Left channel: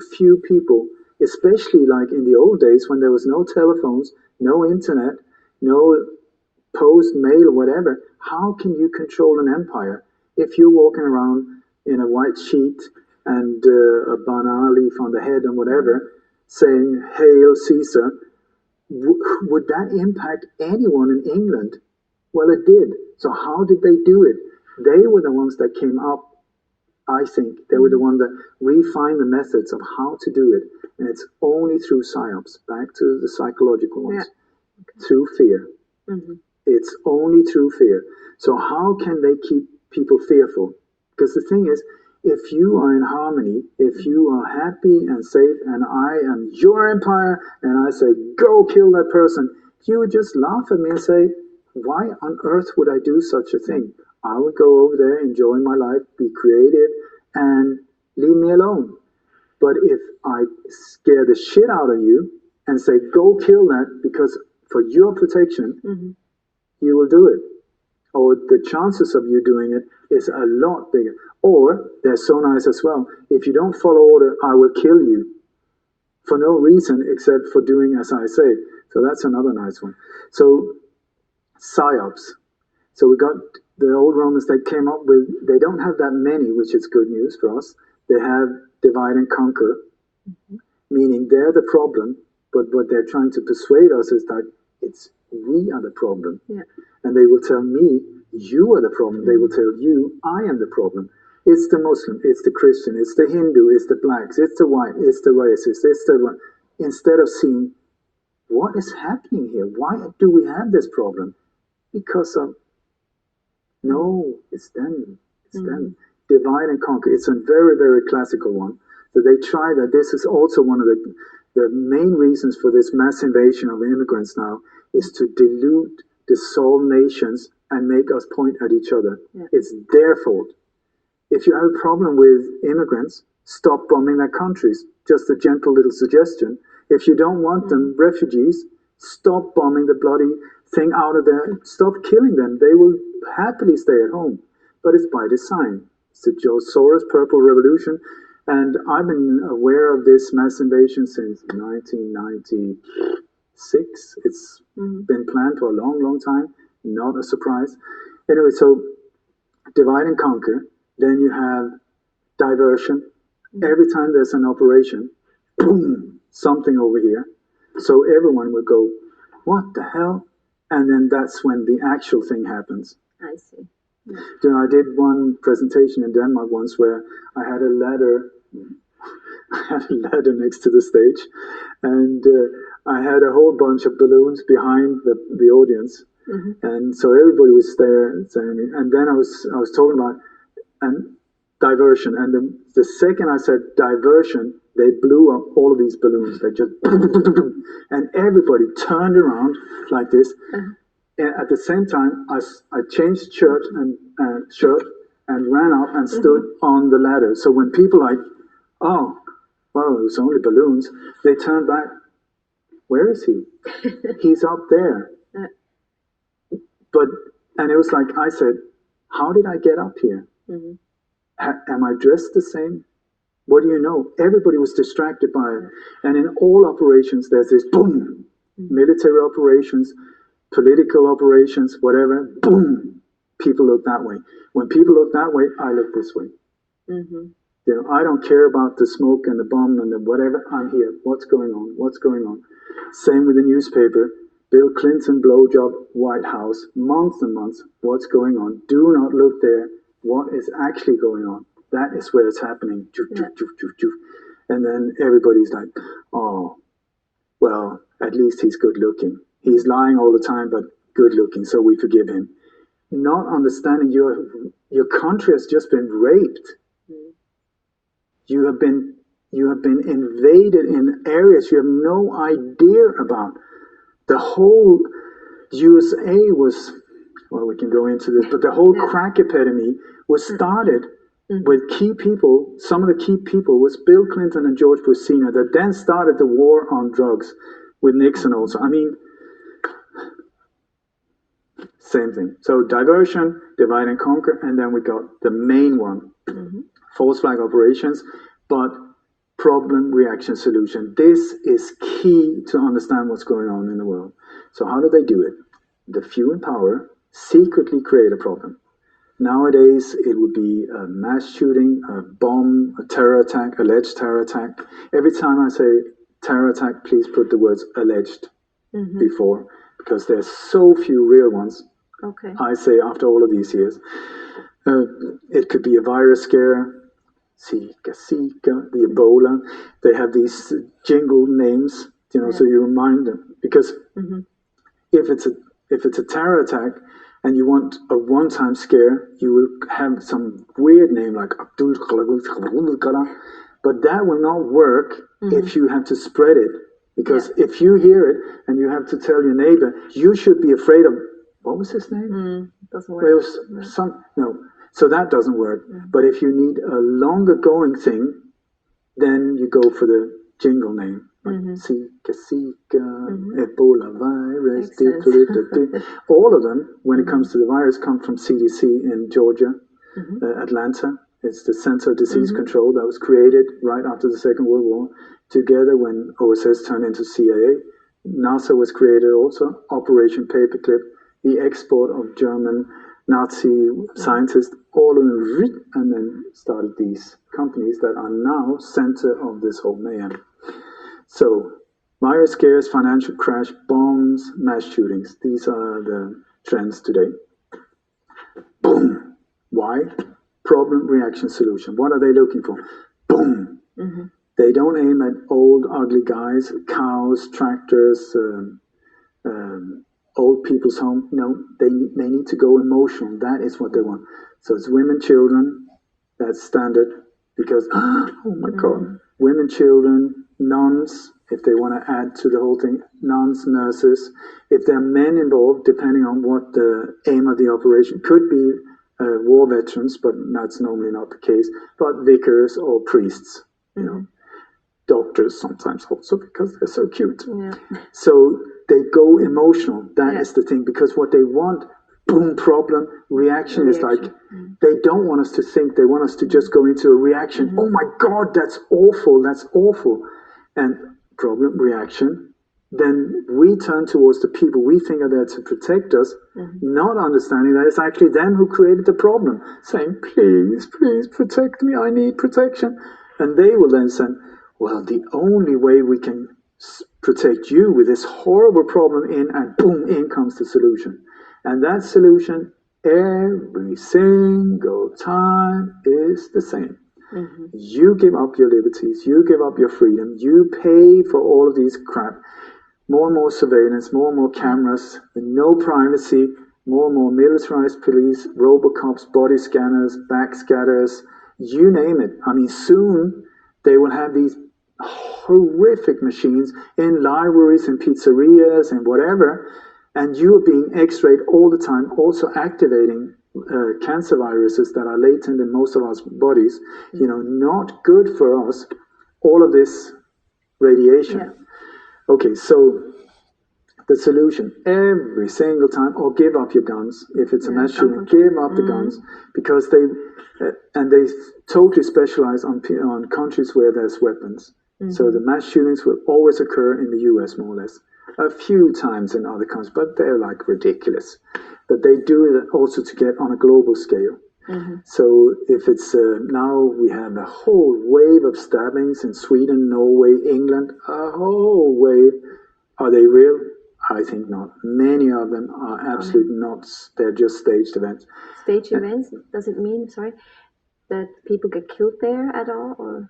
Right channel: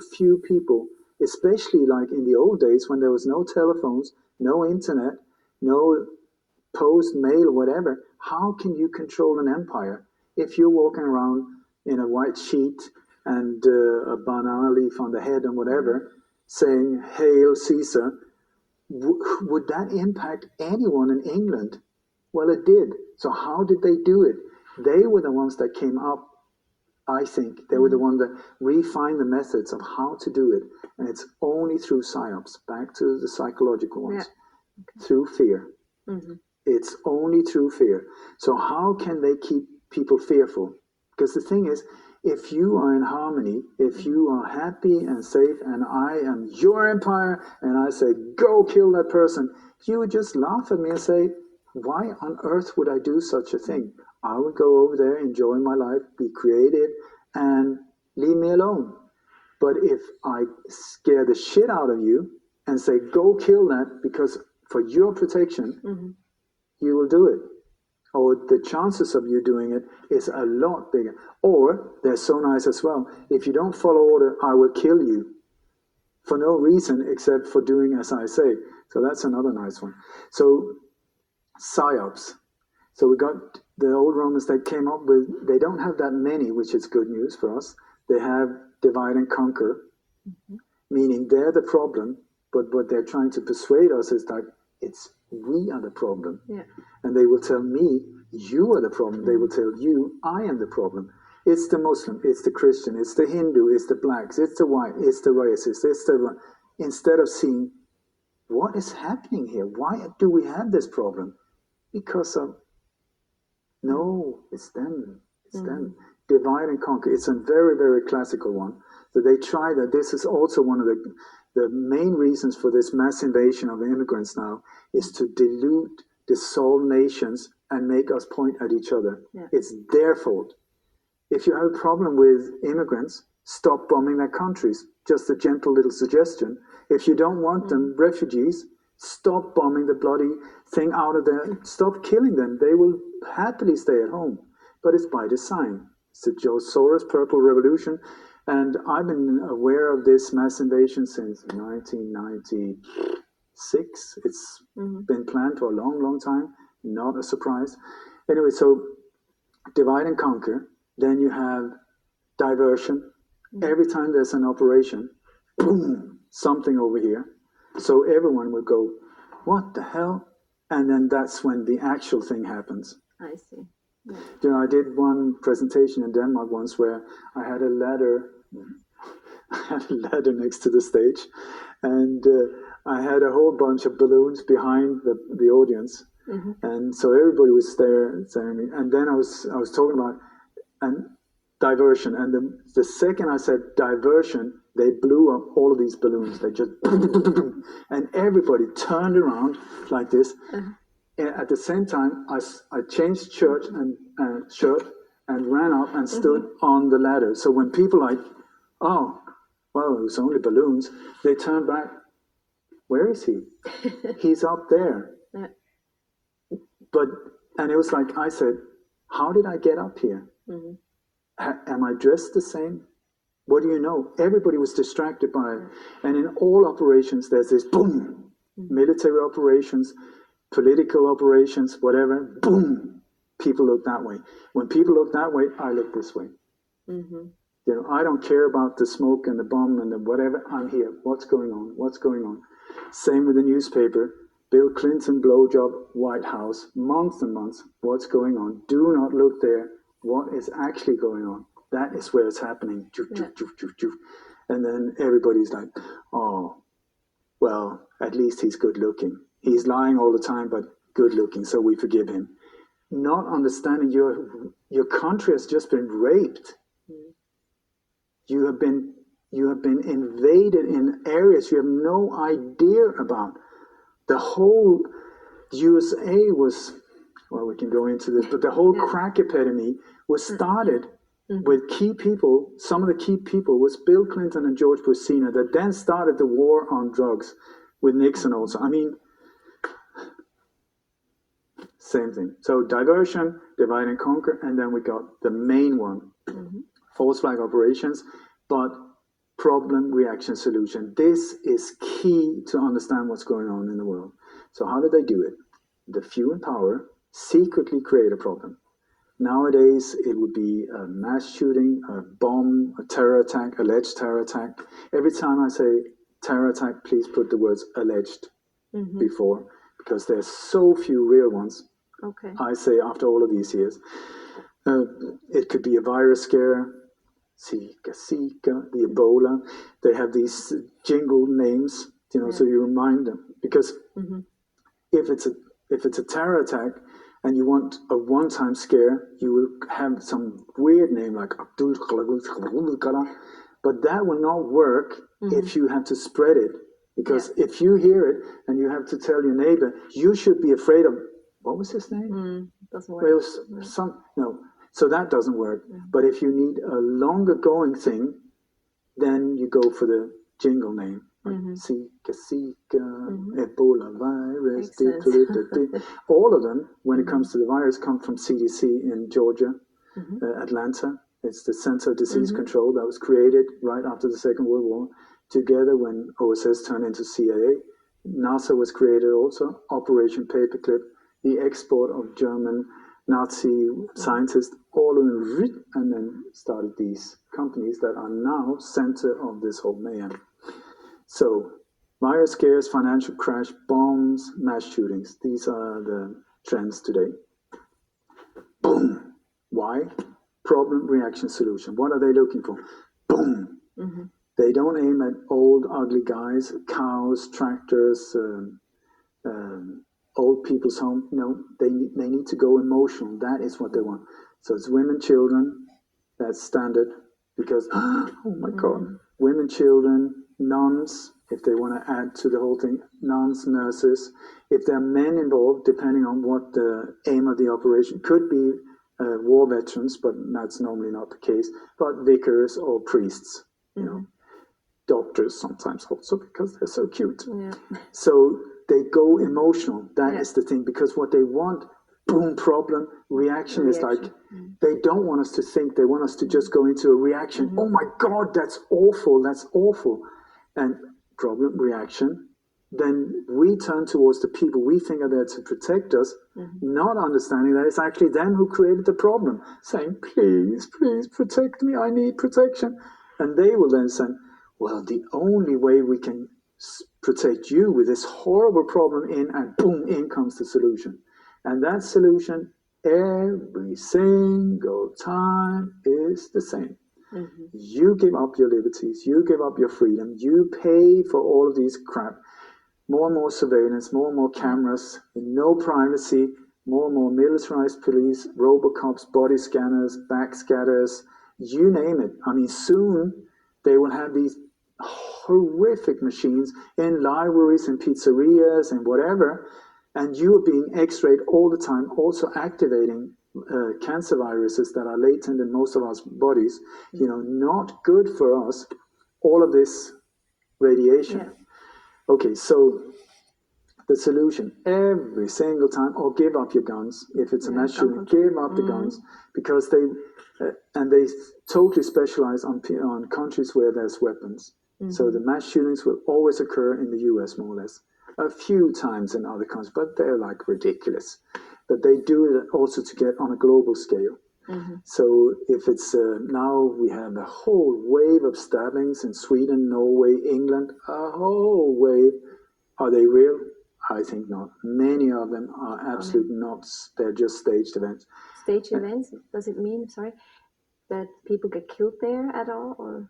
a few people, especially like in the old days when there was no telephones, no internet, no post mail or whatever. How can you control an empire if you're walking around in a white sheet and a banana leaf on the head and whatever, saying "Hail Caesar"? Would that impact anyone in England? Well, it did. So how did they do it? They were the ones that came up. I think they were the ones that refined the methods of how to do it, and it's only through psyops. Back to the psychological ones, through fear. It's only through fear. So how can they keep people fearful? Because the thing is, if you are in harmony, if you are happy and safe, and I am your empire, and I say, go kill that person, you would just laugh at me and say, why on earth would I do such a thing? I would go over there, enjoy my life, be creative, and leave me alone. But if I scare the shit out of you and say, go kill that because for your protection, you will do it. Or the chances of you doing it is a lot bigger. Or they're so nice as well. If you don't follow order, I will kill you for no reason except for doing as I say. So that's another nice one. So psyops. So we got the old Romans that came up with, they don't have that many, which is good news for us. They have divide and conquer, meaning they're the problem, but what they're trying to persuade us is that it's we are the problem. And they will tell me, you are the problem. They will tell you, I am the problem. It's the Muslim, it's the Christian, it's the Hindu, it's the blacks, it's the white, it's the racist, it's the... Instead of seeing, what is happening here? Why do we have this problem? Because of... No, it's them. It's them. Divide and conquer. It's a very, very classical one. So they try that. This is also one of the main reasons for this mass invasion of immigrants now, is to dilute, dissolve nations and make us point at each other. It's their fault. If you have a problem with immigrants, stop bombing their countries. Just a gentle little suggestion. If you don't want them, refugees, stop bombing the bloody thing out of there. Stop killing them. They will happily stay at home. But it's by design. It's the George Soros Purple Revolution. And I've been aware of this mass invasion since 1996. It's been planned for a long, long time. Not a surprise. Anyway, so divide and conquer. Then you have diversion. Every time there's an operation, boom, something over here. So everyone will go, what the hell? And then that's when the actual thing happens. I see. You know, I did one presentation in Denmark once where I had a ladder. I had a ladder next to the stage, and I had a whole bunch of balloons behind the audience, and so everybody was staring. And then I was talking about diversion, and the second I said diversion, they blew up all of these balloons. They just and everybody turned around like this. And at the same time, I changed shirt and ran up and stood on the ladder. So when people like, oh, well, it was only balloons, they turned back. Where is he? He's up there. And it was like I said, how did I get up here? Am I dressed the same? What do you know? Everybody was distracted by it. And in all operations, there's this boom. Military operations, political operations, whatever, boom. People look that way. When people look that way, I look this way. You know, I don't care about the smoke and the bomb and the whatever. I'm here. What's going on? What's going on? Same with the newspaper. Bill Clinton blowjob White House. Months and months. What's going on? Do not look there. What is actually going on? That is where it's happening. And then everybody's like, oh, well, at least he's good looking. He's lying all the time, but good looking, so we forgive him. Not understanding your country has just been raped. You have been invaded in areas you have no idea about. The whole USA was, well, we can go into this, but the whole crack epidemic was started with key people. Some of the key people was Bill Clinton and George Bush Sr. that then started the war on drugs with Nixon also. I mean, same thing. So diversion, divide and conquer, and then we got the main one, false flag operations. But problem, reaction, solution. This is key to understand what's going on in the world. So how do they do it? The few in power secretly create a problem. Nowadays, it would be a mass shooting, a bomb, a terror attack, alleged terror attack. Every time I say terror attack, please put the words alleged before, because there's so few real ones. Okay. I say after all of these years. It could be a virus scare, Zika, the Ebola. They have these jingle names, so you remind them. Because if it's a terror attack and you want a one-time scare, you will have some weird name like Abdul Kala, but that will not work if you have to spread it. Because if you hear it and you have to tell your neighbor, you should be afraid of, what was his name? Doesn't work. It was so that doesn't work. But if you need a longer going thing, then you go for the jingle name. Zika, Ebola virus, all of them, when it comes to the virus, come from CDC in Georgia, Atlanta. It's the Center of Disease Control that was created right after the Second World War, together when OSS turned into CIA. NASA was created also, Operation Paperclip, the export of German Nazi scientists, all of them, and then started these companies that are now center of this whole mayhem. So, virus scares, financial crash, bombs, mass shootings. These are the trends today. Boom. Why? Problem, reaction, solution. What are they looking for? Boom. They don't aim at old, ugly guys, cows, tractors, old people's home. No, they need to go emotional. That is what they want. So it's women, children. That's standard. Because, oh my God, women, children, nuns, if they want to add to the whole thing, nuns, nurses. If there are men involved, depending on what the aim of the operation, could be war veterans, but that's normally not the case, but vicars or priests, doctors sometimes also, because they're so cute. So they go emotional. That is the thing, because what they want, boom, problem, reaction is like, they don't want us to think, they want us to just go into a reaction. Oh my God, that's awful. And problem, reaction, then we turn towards the people we think are there to protect us, not understanding that it's actually them who created the problem, saying, please protect me, I need protection. And they will then say, well, the only way we can protect you with this horrible problem and boom, in comes the solution. And that solution every single time is the same. You give up your liberties, you give up your freedom, you pay for all of these crap. More and more surveillance, more and more cameras, no privacy, more and more militarized police, robocops, body scanners, backscatters, you name it. I mean, soon they will have these horrific machines in libraries and pizzerias and whatever, and you are being x-rayed all the time, also activating cancer viruses that are latent in most of our bodies, not good for us, all of this radiation. Okay, so the solution, every single time, or give up your guns. If it's a mass shooting, give up the guns, because they totally specialize on countries where there's weapons. So the mass shootings will always occur in the US, more or less. A few times in other countries, but they're like ridiculous. But they do it also to get on a global scale. So if it's now we have a whole wave of stabbings in Sweden, Norway, England, a whole wave. Are they real? I think not. Many of them are absolutely not. They're just staged events. Staged events? Does it mean, that people get killed there at all? Or?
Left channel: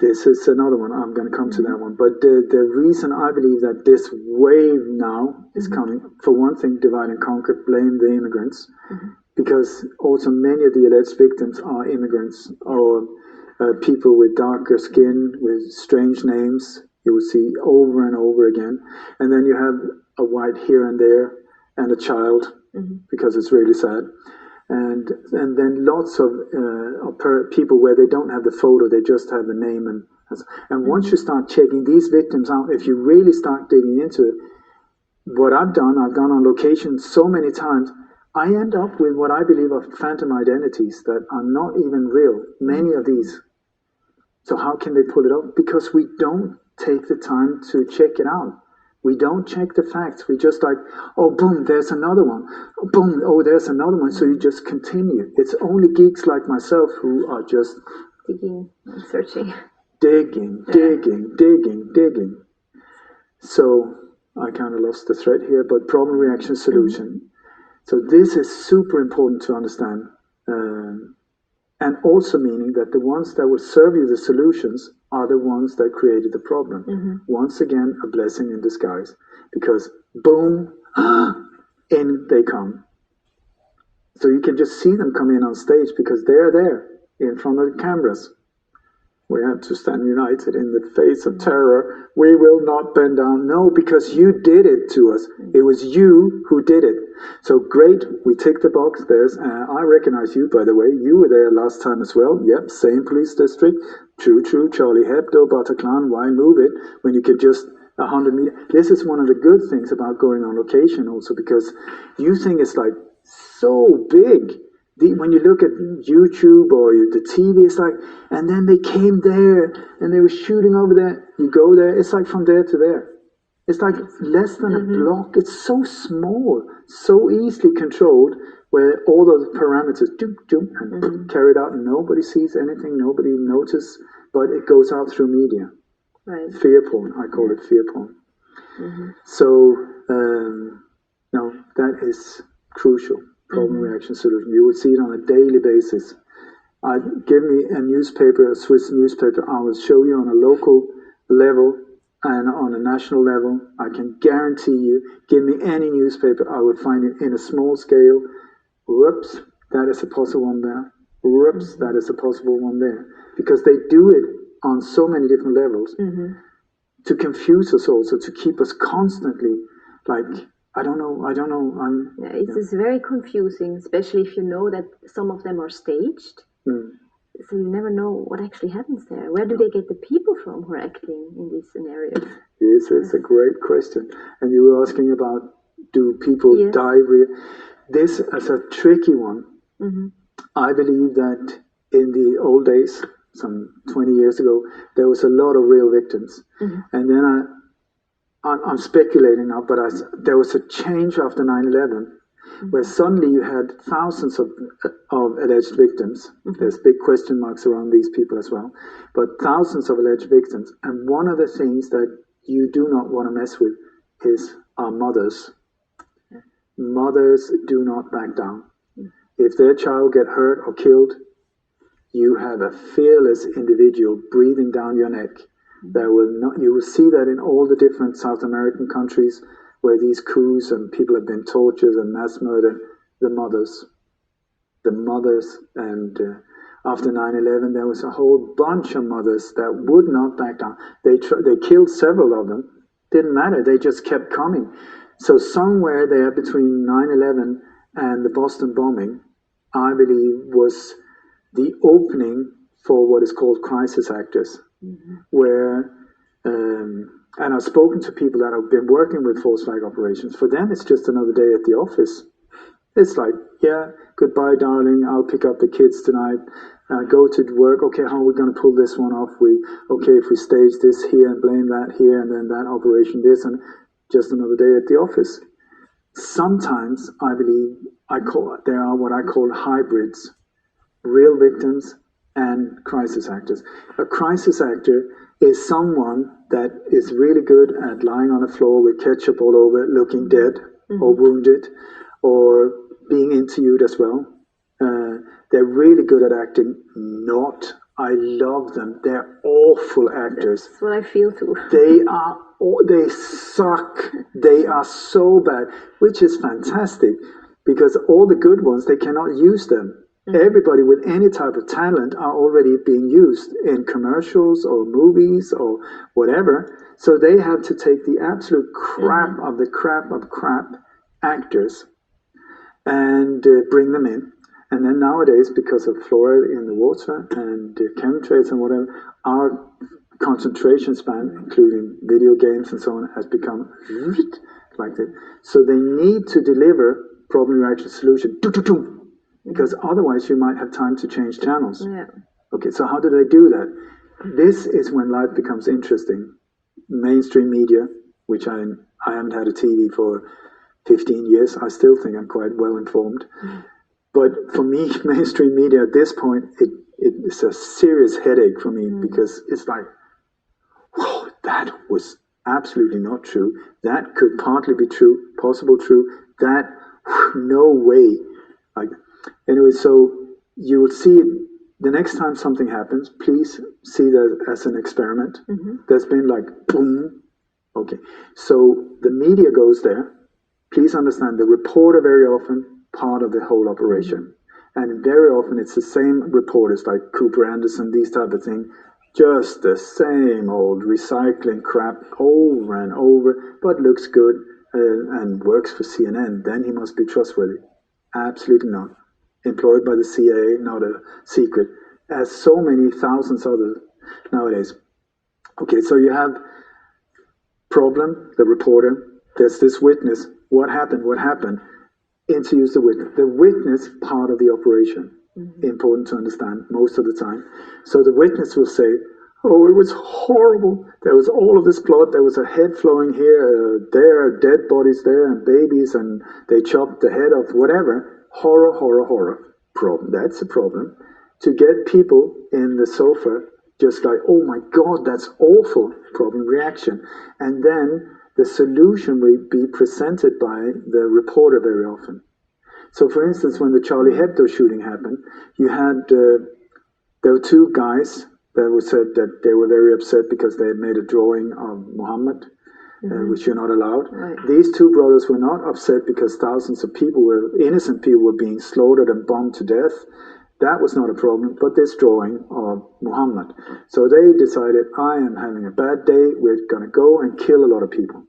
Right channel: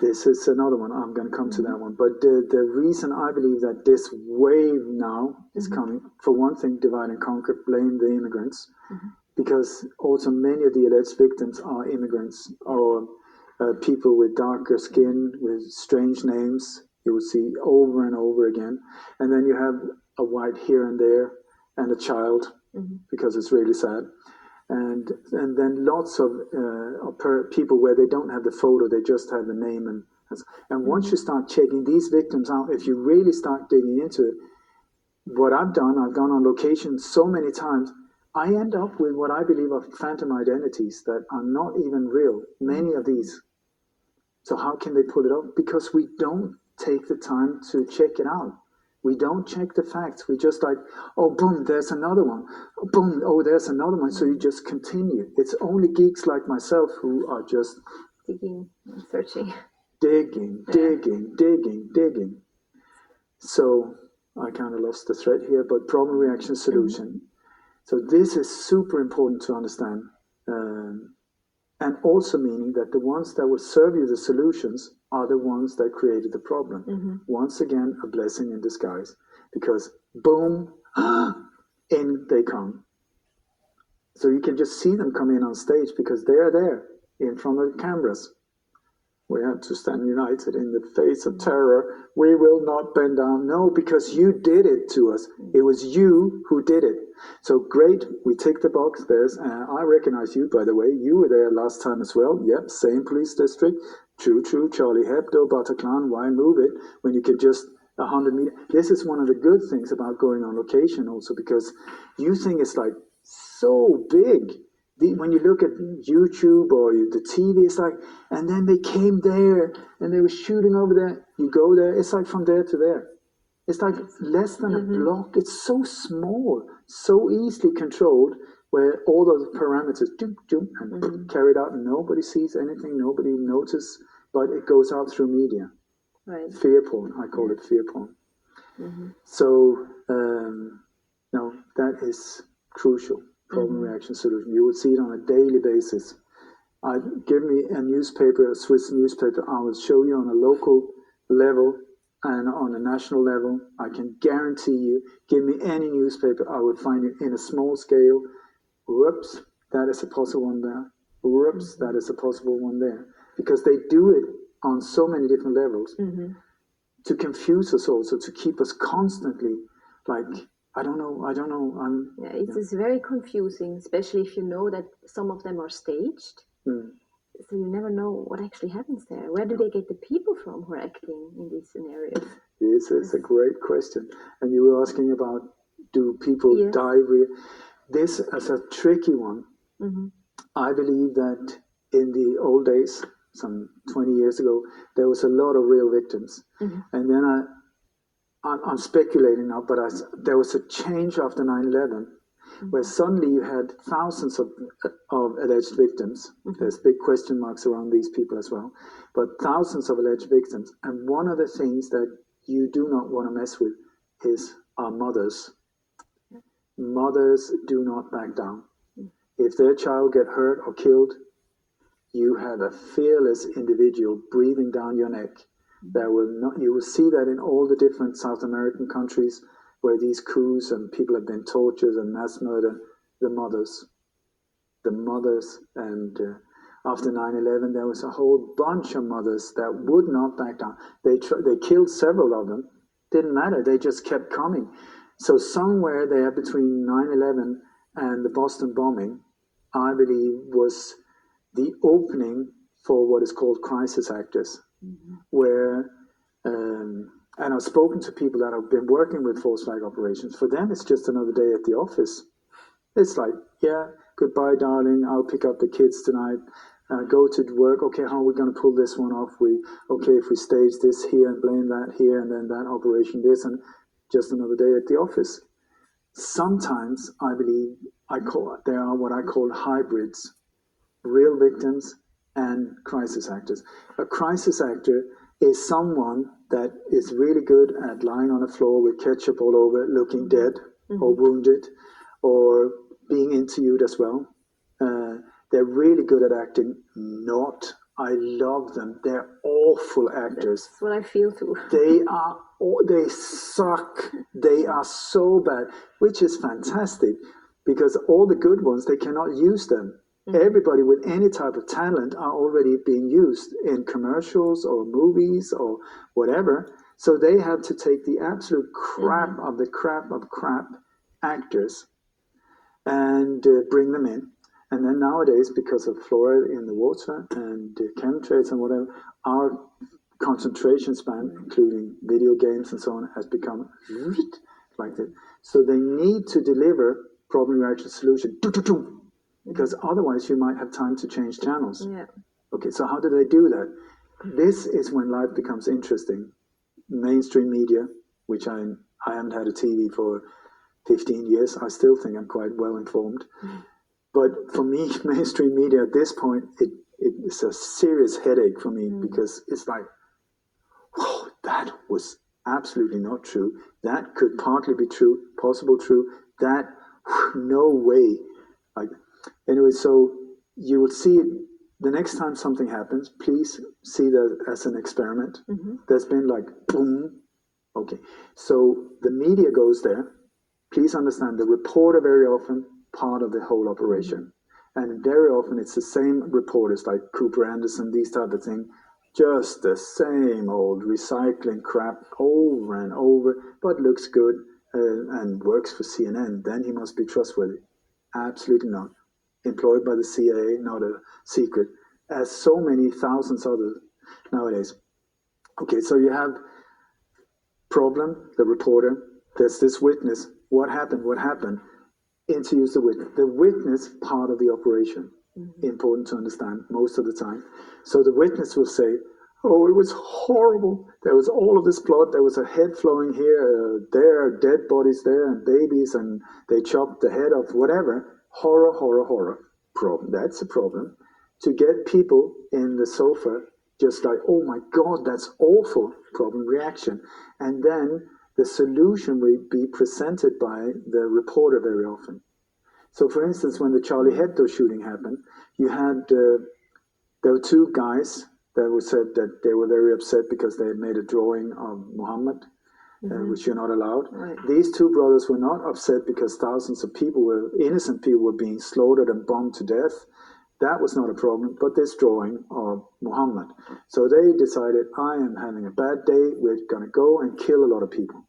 This is another one. I'm going to come to that one. But the reason I believe that this wave now is coming, for one thing, divide and conquer, blame the immigrants. Because also many of the alleged victims are immigrants or people with darker skin, with strange names, you will see over and over again. And then you have a white here and there and a child, because it's really sad. And then lots of people where they don't have the photo, they just have the name. And once you start checking these victims out, if you really start digging into it, what I've gone on location so many times, I end up with what I believe are phantom identities that are not even real. Many of these. So how can they pull it off? Because we don't take the time to check it out. We don't check the facts. We just like, oh, boom, there's another one. Oh, boom, oh, there's another one. So you just continue. It's only geeks like myself who are just digging and searching. Digging. So I kind of lost the thread here, but problem, reaction, solution. So this is super important to understand. And also meaning that the ones that will serve you the solutions are the ones that created the problem. Once again, a blessing in disguise. Because boom, in they come. So you can just see them come in on stage because they're there in front of the cameras. We have to stand united in the face of terror. We will not bend down. No, because you did it to us. It was you who did it. So great, we tick the box. There's, I recognize you, by the way. You were there last time as well. Yep, same police district. True, Charlie Hebdo, Bataclan. Why move it when you could just 100 meters? This is one of the good things about going on location also, because you think it's like so big. When you look at YouTube or the TV, it's like, and then they came there and they were shooting over there. You go there, it's like from there to there. It's like less than a block. It's so small, so easily controlled, where all those parameters and carried out. Nobody sees anything, nobody notices, but it goes out through media. Right. Fear porn, I call it fear porn. So, no, that is crucial. Problem, reaction, solution. You would see it on a daily basis. Give me a newspaper, a Swiss newspaper, I will show you on a local level and on a national level. I can guarantee you, give me any newspaper, I would find it in a small scale. Whoops, that is a possible one there. Whoops, that is a possible one there. Because they do it on so many different levels to confuse us also, to keep us constantly like, I don't know. It's very confusing, especially if you know that some of them are staged. So you never know what actually happens there. Where do they get the people from who are acting in these scenarios? This is a great question. And you were asking about, do people die? This is a tricky one. I believe that in the old days, some 20 years ago, there was a lot of real victims. And then I'm speculating now, but there was a change after 9/11, where suddenly you had thousands of alleged victims. There's big question marks around these people as well, but thousands of alleged victims. And one of the things that you do not want to mess with is our mothers. Mothers do not back down. If their child get hurt or killed, you have a fearless individual breathing down your neck. That will not. You will see that in all the different South American countries where these coups and people have been tortured and mass murdered. The mothers, and after 9/11, there was a whole bunch of mothers that would not back down. They killed several of them. Didn't matter. They just kept coming. So somewhere there between 9/11 and the Boston bombing, I believe, was the opening for what is called crisis actors. Where, and I've spoken to people that have been working with false flag operations. For them, it's just another day at the office. It's like, yeah, goodbye, darling. I'll pick up the kids tonight. Go to work. Okay, how are we going to pull this one off? If we stage this here and blame that here and then that operation this, and just another day at the office. Sometimes I believe there are what I call hybrids, real victims and crisis actors. A crisis actor is someone that is really good at lying on the floor with ketchup all over, looking dead or wounded, or being interviewed as well. They're really good at acting. I love them. They're awful actors. That's what I feel too. They suck. They are so bad, which is fantastic, because all the good ones, they cannot use them. Everybody with any type of talent are already being used in commercials or movies or whatever. So they have to take the absolute crap of the crap of crap actors and bring them in. And then nowadays, because of fluoride in the water and chemtrails and whatever, our concentration span, including video games and so on, has become like that. So they need to deliver problem, reaction, solution. Because otherwise you might have time to change channels. Yeah. Okay, so how do they do that? this is when life becomes interesting. Mainstream media, which I haven't had a TV for 15 years. I still think I'm quite well informed. But for me, mainstream media at this point, it's a serious headache for me because it's like, whoa, that was absolutely not true. That could partly be true, possible true. That, no way. Like, anyway, so you will see it the next time something happens. Please see that as an experiment. There's been like, boom. Okay, so the media goes there. Please understand the reporter very often part of the whole operation. And very often it's the same reporters like Cooper Anderson, these type of things, just the same old recycling crap over and over, but looks good and works for CNN. Then he must be trustworthy. Absolutely not. Employed by the CIA, not a secret, as so many thousands others nowadays. Okay, so you have problem, the reporter, there's this witness. What happened? What happened? Interviews the witness. The witness part of the operation. Important to understand most of the time. So the witness will say, oh, it was horrible. There was all of this blood. There was a head flowing here, there, dead bodies there, and babies, and they chopped the head off, whatever. Horror, horror, horror. Problem. That's a problem. To get people in the sofa just like, oh my God, that's awful. Problem, reaction. And then the solution will be presented by the reporter very often. So, for instance, when the Charlie Hebdo shooting happened, you had there were two guys that were said that they were very upset because they had made a drawing of Muhammad, which you're not allowed. Right. These two brothers were not upset because thousands of people innocent people were being slaughtered and bombed to death. That was not a problem, but this drawing of Muhammad. So they decided, I am having a bad day, we're going to go and kill a lot of people.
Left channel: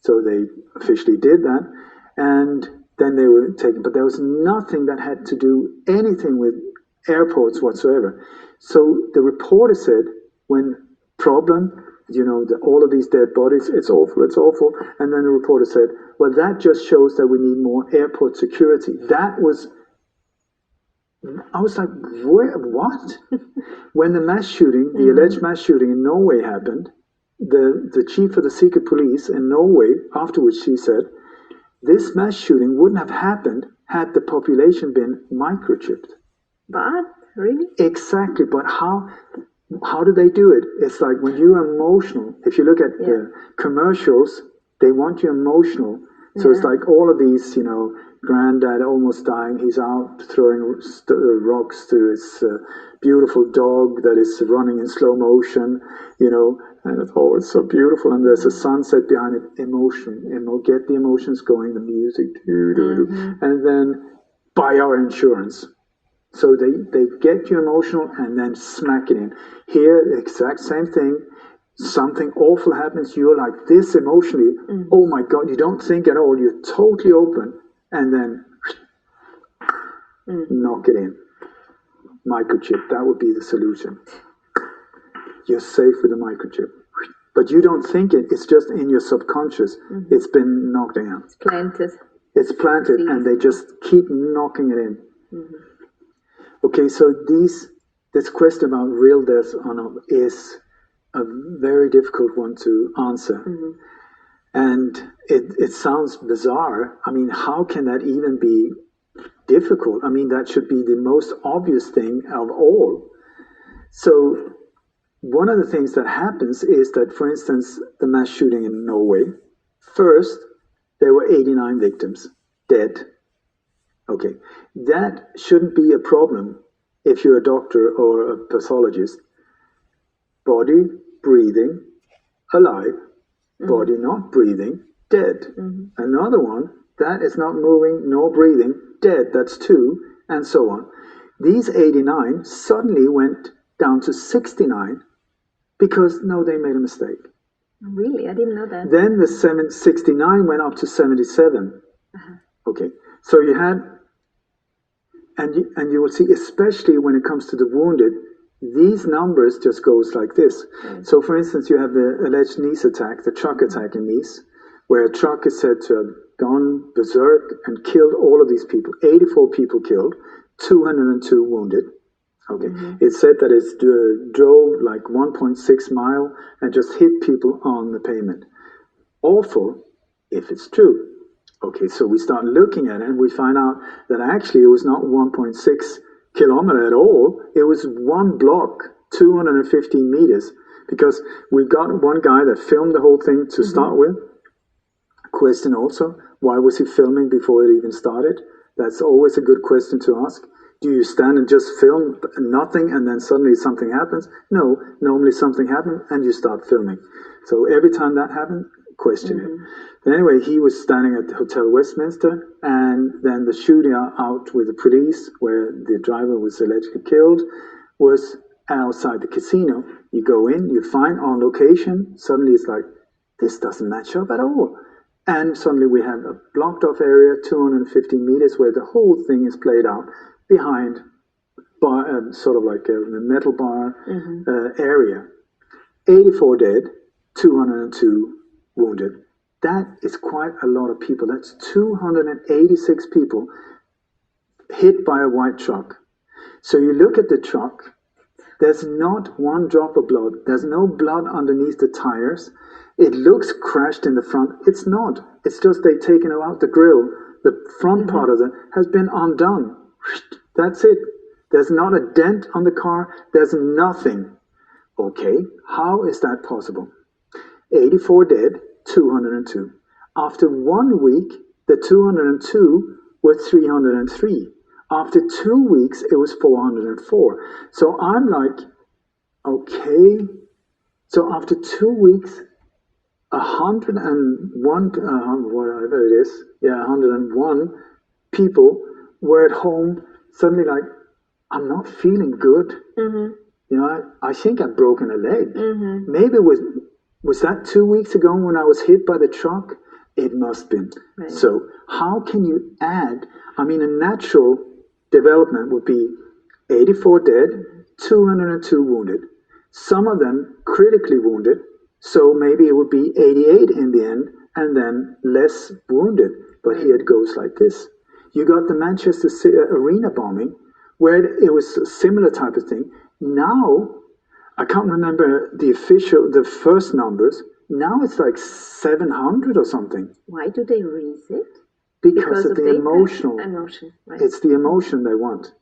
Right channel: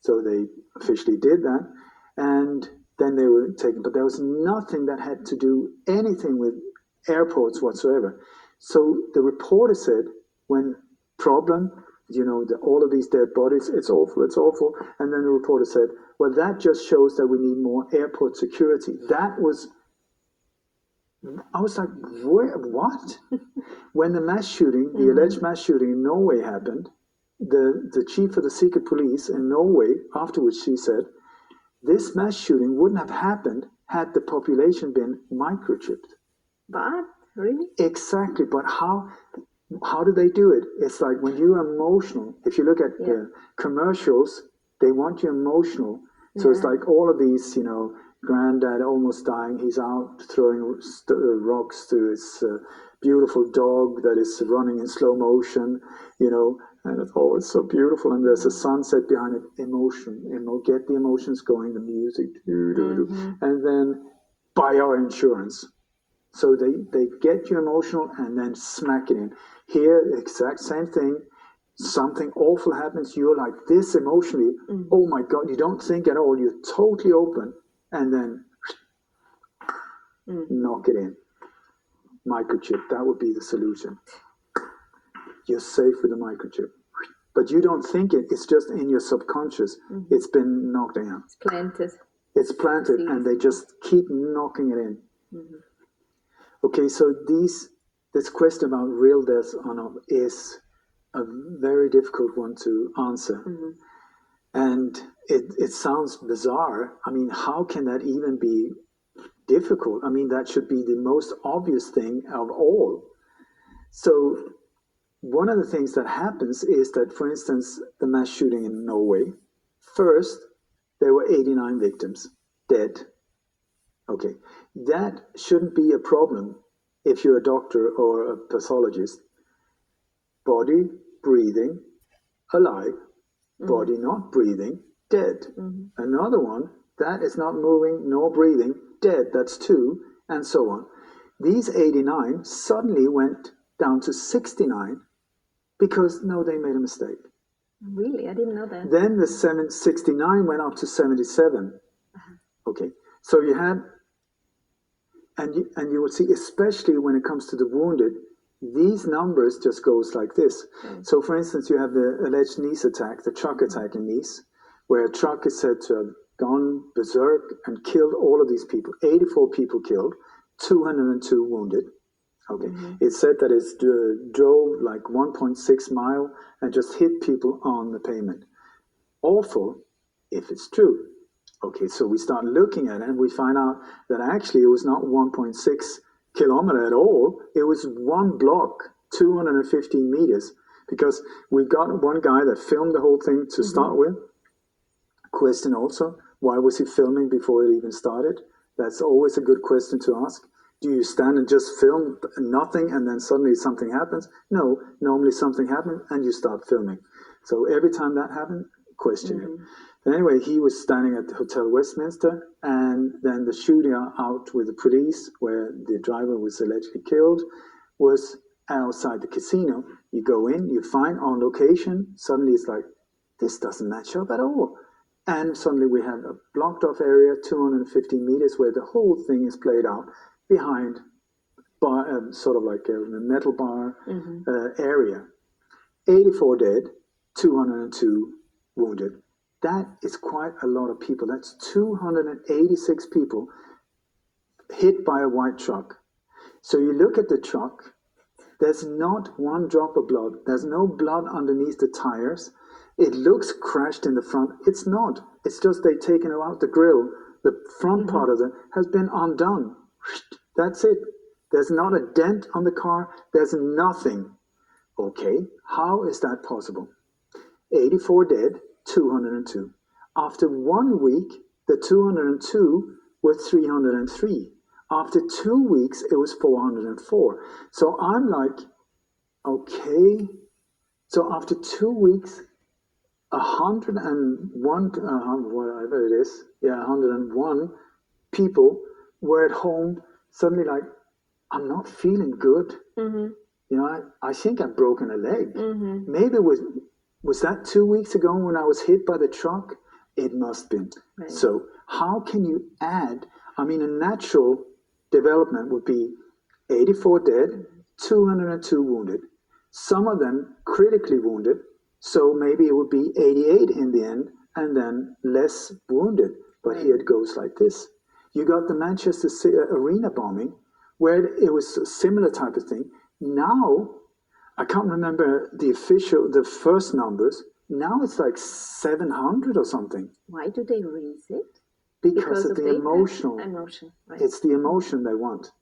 So they officially did that, and then they were taken. But there was nothing that had to do anything with airports whatsoever. So the reporter said, when problem, all of these dead bodies, it's awful, it's awful. And then the reporter said, well, that just shows that we need more airport security. I was like, what? When the mass shooting, the alleged mass shooting in Norway happened, the chief of the secret police in Norway, afterwards she said, this mass shooting wouldn't have happened had the population been microchipped. But, really? Exactly, but how do they do it? It's like when you're emotional, if you look at the commercials, they want you emotional. So it's like all of these, granddad almost dying, he's out throwing rocks to his beautiful dog that is running in slow motion, and it's so beautiful, and there's a sunset behind it, emotion, get the emotions going, the music, and then buy our insurance. So they get you emotional and then smack it in. Here, the exact same thing. Something awful happens, you're like this emotionally, oh my God, you don't think at all, you're totally open, and then knock it in. Microchip, that would be the solution. You're safe with a microchip. But you don't think it, it's just in your subconscious. It's been knocked in. It's planted. It's planted, and they just keep knocking it in. Okay, so this question about real death or not is a very difficult one to answer. And it sounds bizarre. I mean, how can that even be difficult? I mean, that should be the most obvious thing of all. So one of the things that happens is that, for instance, the mass shooting in Norway, first, there were 89 victims dead. Okay, that shouldn't be a problem if you're a doctor or a pathologist. Body breathing, alive. Body not breathing, dead. Another one, that is not moving nor breathing, dead. That's 2, and so on. These 89 suddenly went down to 69 because, they made a mistake. Really? I didn't know that. Then the 69 went up to 77. Okay, so you had, and you will see, especially when it comes to the wounded, these numbers just goes like this. So, for instance, you have the alleged Nice attack, the truck attack in Nice, where a truck is said to have gone berserk and killed all of these people. 84 people killed, 202 wounded. Okay. It said that it drove like 1.6 mile and just hit people on the pavement. Awful, if it's true. Okay, so we start looking at it and we find out that actually it was not 1.6 kilometer at all. It was one block, 215 meters, because we got one guy that filmed the whole thing to start with. Question also, why was he filming before it even started? That's always a good question to ask. Do you stand and just film nothing and then suddenly something happens? No, normally something happens and you start filming. So every time that happened, question it. Anyway, he was standing at the Hotel Westminster, and then the shooting out with the police, where the driver was allegedly killed, was outside the casino. You go in, you find on location, suddenly it's like, this doesn't match up at all. And suddenly we have a blocked off area, 250 meters, where the whole thing is played out behind bar, sort of like a metal bar area. 84 dead, 202 wounded. That is quite a lot of people. That's 286 people hit by a white truck. So you look at the truck, there's not one drop of blood. There's no blood underneath the tires. It looks crashed in the front. It's not. It's just they've taken out the grill. The front part of it has been undone. That's it. There's not a dent on the car. There's nothing. Okay, how is that possible? 84 dead, 202. After 1 week, the 202 were 303. After 2 weeks, it was 404. So I'm like, okay. So after 2 weeks, 101, whatever it is, 101 people were at home, suddenly like, I'm not feeling good. You know, I think I've broken a leg. Maybe was that 2 weeks ago when I was hit by the truck? It must have been. Right. So how can you add, I mean, a natural development would be 84 dead, 202 wounded, some of them critically wounded, so maybe it would be 88 in the end, and then less wounded. But here it goes like this. You got the Manchester Arena bombing, where it was a similar type of thing. Now, I can't remember the first numbers. Now it's like 700 or something. Why do they raise it? Because of the emotion. Emotion, right. It's the emotion they want.